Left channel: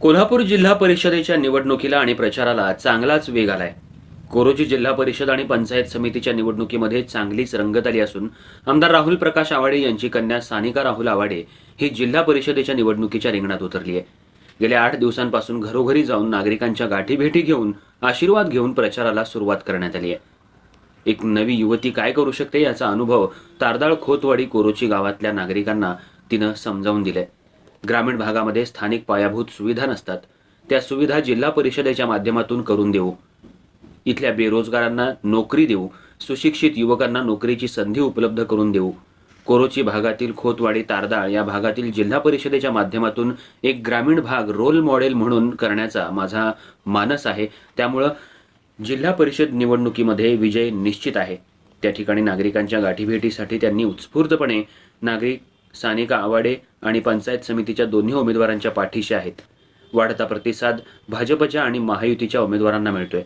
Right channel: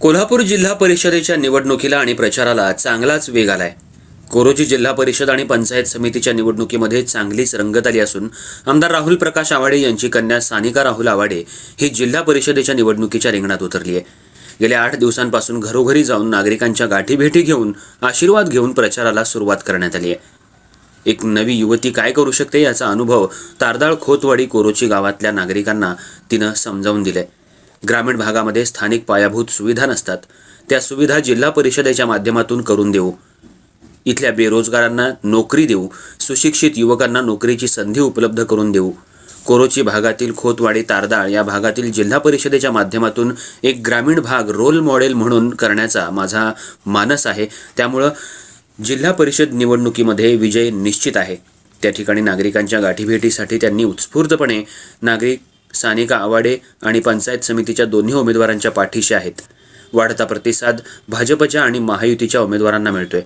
कोल्हापूर जिल्हा परिषदेच्या निवडणुकीला आणि प्रचाराला चांगलाच वेग आलाय. कोरोची जिल्हा परिषद आणि पंचायत समितीच्या निवडणुकीमध्ये चांगलीच रंगत आली असून आमदार राहुल प्रकाश आवाडे यांची कन्या सानिका राहुल आवाडे ही जिल्हा परिषदेच्या निवडणुकीच्या रिंगणात उतरली आहे. गेल्या आठ दिवसांपासून घरोघरी जाऊन नागरिकांच्या गाठीभेटी घेऊन आशीर्वाद घेऊन प्रचाराला सुरुवात करण्यात आली आहे. एक नवी युवती काय करू शकते याचा अनुभव तारदाळ खोतवाडी कोरोची गावातल्या नागरिकांना तिनं समजावून दिलाय. ग्रामीण भागामध्ये स्थानिक पायाभूत सुविधा नसतात. त्या सुविधा जिल्हा परिषदेच्या माध्यमातून करून देऊ. इथल्या बेरोजगारांना नोकरी देऊ. सुशिक्षित युवकांना नोकरीची संधी उपलब्ध करून देऊ. कोरोची भागातील खोतवाडी तारदाळ या भागातील जिल्हा परिषदेच्या माध्यमातून एक ग्रामीण भाग रोल मॉडेल म्हणून करण्याचा माझा मानस आहे. त्यामुळं जिल्हा परिषद निवडणुकीमध्ये विजय निश्चित आहे. त्या ठिकाणी नागरिकांच्या गाठीभेटीसाठी त्यांनी उत्स्फूर्तपणे नागरिक सानिका आवाडे आणि पंचायत समितीच्या दोन्ही उमेदवारांच्या पाठीशी आहेत. वाढता प्रतिसाद भाजपच्या आणि महायुतीच्या उमेदवारांना मिळतोय.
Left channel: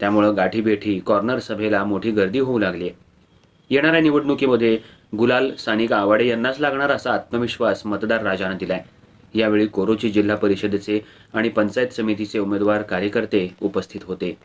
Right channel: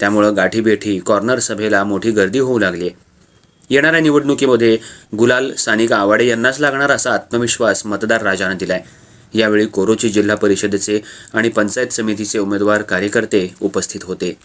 त्यामुळं गाठीभेठी कॉर्नर सभेला मोठी गर्दी होऊ लागली आहे येणाऱ्या निवडणुकीमध्ये गुलाल सानिका आवाडे यांनाच लागणार असा आत्मविश्वास मतदार राजानं दिलाय. यावेळी कोरोची जिल्हा परिषदेचे आणि पंचायत समितीचे उमेदवार कार्यकर्ते उपस्थित होते.